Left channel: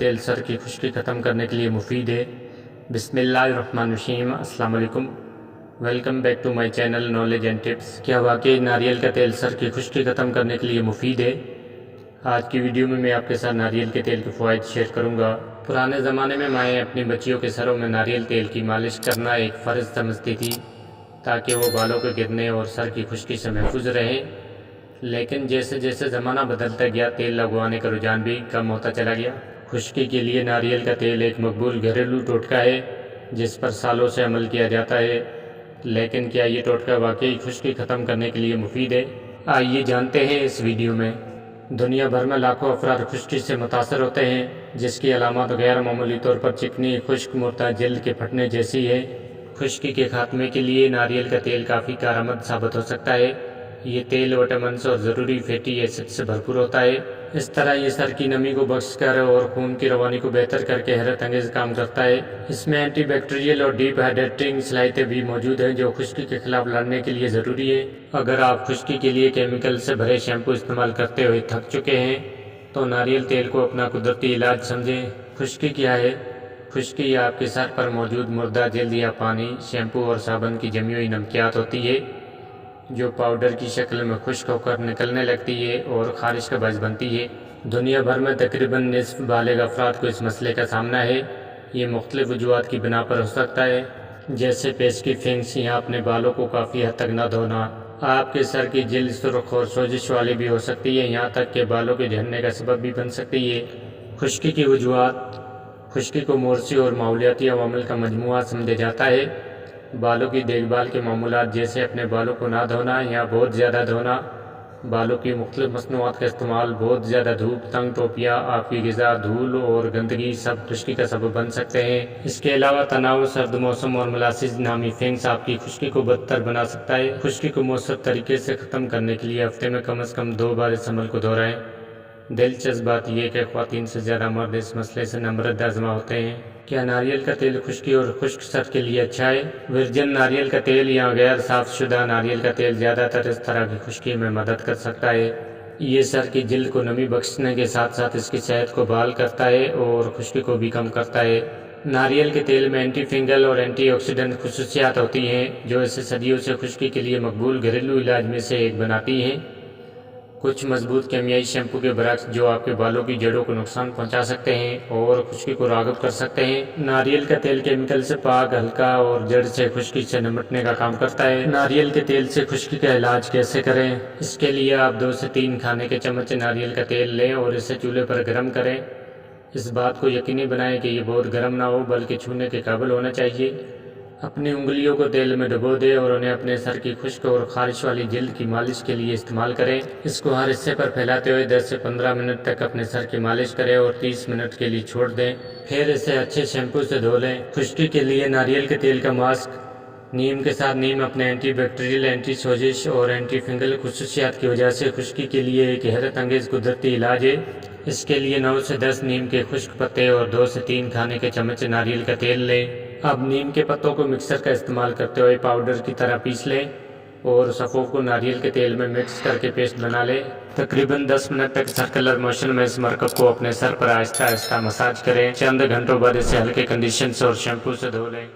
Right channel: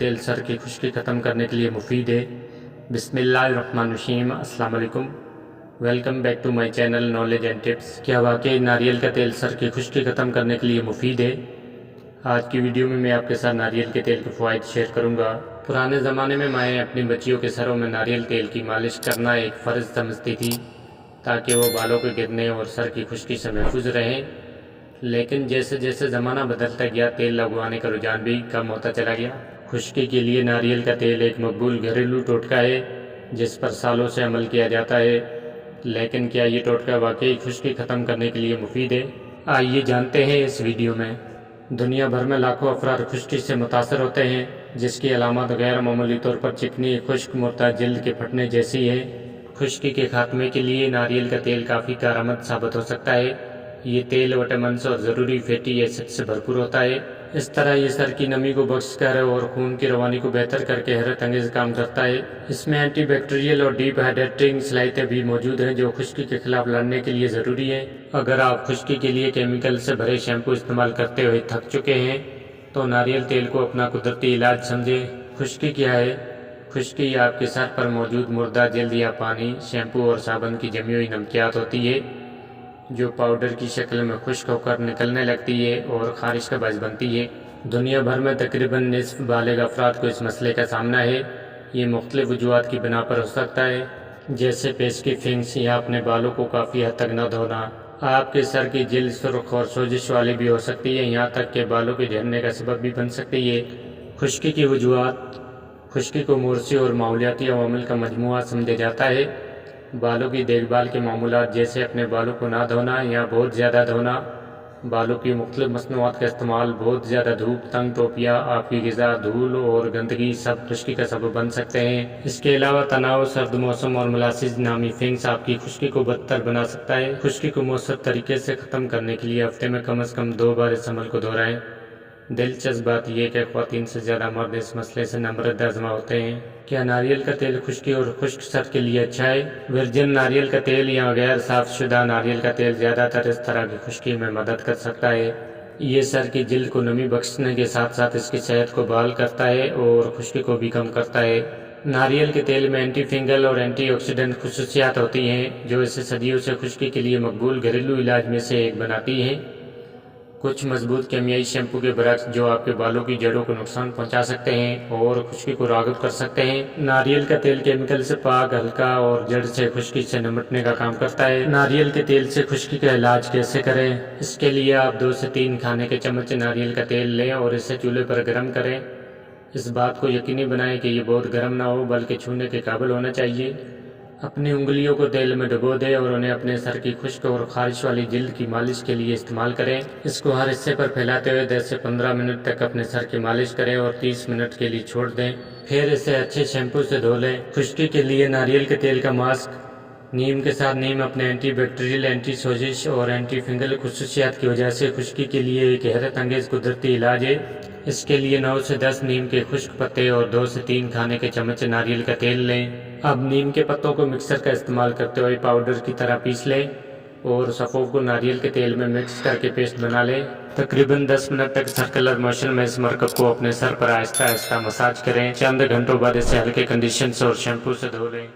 تیل سر کی خشکی ختم کرنے کے لیے مفید ہے۔ بسم اللہ الرحمن الرحیم۔ السلام علیکم، welcome back to my channel knowledge and tips. کیا واقعی ناریل کا تیل سر کی خشکی ختم کرنے کے لیے مفید ہے؟ آج کی ویڈیو میں آپ کے ساتھ ناریل کے تیل کے فوائد شیئر کروں گا۔ پرانے زمانے میں مائیں اپنی بچیوں کے سروں میں ناریل تیل کی مالش کرنا ایک فرض سمجھتی تھی تاکہ وہ بالوں کے گرنے اور سر کی خشکی سے محفوظ رہیں، لیکن جیسے جیسے زمانہ بدلتا گیا تیل لگوانے کا رجحان بھی کم ہوتا چلا گیا۔ خشکی کے لیے ناریل کا تیل ایک مقبول گھریلو ٹوٹکا ہے جس پر سالوں سے عمل کیا جاتا ہے، لیکن کیا یہ ٹوٹکا واقعی خشکی ختم کرنے کے لیے مفید ہے؟ آئیے جانتے ہیں اس ویڈیو میں۔ دنیا بھر میں لاکھوں افراد خشکی سے متاثر ہوتے ہیں، جس کی علامات غیر معمولی طور پر چکنی، خشک مردہ جلد کے پھٹنے جیسی ہے۔ خشکی کے خاتمے کے لیے ناریل کا تیل کافی کارآمد ثابت ہو سکتا ہے۔ یہ تیل وٹامنس اور ضروری فیٹی ایسڈ سے بھرپور ہوتا ہے۔ اس طرح یہ سر کی نمی کو بخش کر اور خون کی روانی کو بہتر کر کے حیرت انگیز کام کرتا ہے۔ اس میں اینٹی بیکٹیریل اور ڈیپ ہائیڈریٹنگ صلاحیتیں بھی موجود ہیں جو خشکی کے خلاف لڑنے کے لیے ضروری ہیں۔ اگر آپ خشکی کے لیے کیمیکل سے بھرے شیمپو استعمال کرتے ہوئے تھک چکے ہیں تو ناریل تیل کو اپنا قدرتی علاج سمجھیں۔ خشکی کیا ہے؟ خشکی آپ کے سر پر موجود مردہ جلد یا پانی، شیمپو اور صابن کی جمی ہوئی نمکیات ہوتی ہے جو پاؤڈر کی شکل میں خشک ہو کر نکلنے لگتی ہے اور خارش کا باعث بنتی ہے۔ دنیا بھر میں تقریباً نصف بالغ افراد کو اس مسئلے کا سامنا ہے۔ یہ مختلف وجوہات کی بنا پر ہو سکتا ہے، جیسے پیس کی فنگس یا اپنے بالوں کو کافی حد تک نہ دھونا۔ آپ کے سر کی جلد سرخ اور سوزش والی بھی ہو سکتی ہے، یہاں تک کہ بالوں کے جھڑنے کا سبب بھی بن سکتی ہے۔ خشکی کی وجوہات۔ خشکی کو موسمی اور ماحولیاتی عوامل کا مجموعہ سمجھا جاتا ہے۔ بالوں کی دیکھ بھال کے معمولات جیسے اپنے بالوں کو نہ دھونا یا بہت زیادہ دھونا، بالوں کی مختلف مصنوعات کا استعمال، بہت زیادہ دھوپ، تنگ ٹوپیاں، آپ کی غذا، دھول اور گندگی سب خشکی کا سبب بن سکتے ہیں۔ اس کے علاوہ تناؤ، سرد موسم اور ملاسج نامی فنگس آپ کی خشکی کو بدتر بنا سکتا ہے۔ خشکی کو مؤثر طریقے سے ختم کرنے کے لیے ہفتے میں کم از کم 2 بار اس عمل کو دہرائیں۔ دلچسپ بات یہ کہ خواتین سے زیادہ مرد اس مسئلے سے نمرد آزما ہوتے ہیں۔ کیا ناریل کا تیل خشکی اور خشک سر کے لیے اچھا ہے؟ ورجن ناریل کا تیل یا غیر صاف شدہ ناریل کا تیل زیادہ تر اس طرح کی خشکی میں مدد کر سکتا ہے۔ یہ سر کی جلد کو نمی بخشنے کے ساتھ ساتھ اس کی صحت کو بحال کرتا ہے اور خشکی کو بھی کم کرتا ہے۔ ناریل کے تیل میں اینٹی فنگل اور اینٹی آکسیڈنٹ خصوصیات ہوتی ہیں جو اسے صدیوں سے خشکی کے لیے مقبول گھریلو علاج میں سے ایک بناتی ہیں۔ کچھ مضبوط کیمیائی شیمپو کے برعکس جو آپ کے بالوں کی جڑوں کو نقصان پہنچا سکتے ہیں اور خشکی کو راغب کر سکتے ہیں، ناریل کا تیل کیمیکل سے پاک، ہلکا اور جڑ سے خشکی سے نمٹنے کا کام کرتا ہے۔ ناریل کے تیل سے خشکی کا علاج کیسے کریں؟ اس کے لیے آپ 2 سے 3 کھانے کے چمچ ناریل کا تیل لیں اور اسے چولہے پر گرم کریں۔ اس بات کو یقینی بنائیں کہ یہ بہت گرم نہ ہو بلکہ چھونے کے قابل ہونا چاہیے۔ اپنی انگلیوں کو تیل میں ڈبو دیں اور انہیں اپنے سر کی خشک اور خارش والی جلد کی مالش کے لیے استعمال کریں۔ اس کو ہر حصے پر پھیلاتے ہوئے 10 سے 15 منٹ تک اپنے سر کی مالش کریں اور 30 منٹ کے لیے چھوڑ دیں، پھر اسے اچھے شیمپو سے دھو لیں۔ خشکی کے لیے ناریل کے تیل کا ماسک۔ نیم کے ساتھ نیم اپنے اینٹی بیکٹیریل، اینٹی سوزش اور اینٹی فنگل خصوصیات کی وجہ سے خشکی کے لیے ایک حیرت انگیز قدرتی علاج ہے۔ اس کے لیے 9 سے 10 نیم کے خشک پتے اور 2 سے 3 کھانے کے چمچ ناریل کا تیل لیں۔ اب نیم کے پتوں کو مکسر کا استعمال کرتے ہوئے پاؤڈر کی طرح پیس لیں اور صفوں کو ناریل کے تیل میں مکس کر کے پیسٹ بنا لیں۔ تقریباً 10 منٹ تک سرکلر موشن میں اس مرکب کو اپنے سر پر آہستہ آہستہ مساج کریں۔ چند گھنٹوں بعد اسے ہلکے کنڈیشنر اور شیمپو سے دھو لیں۔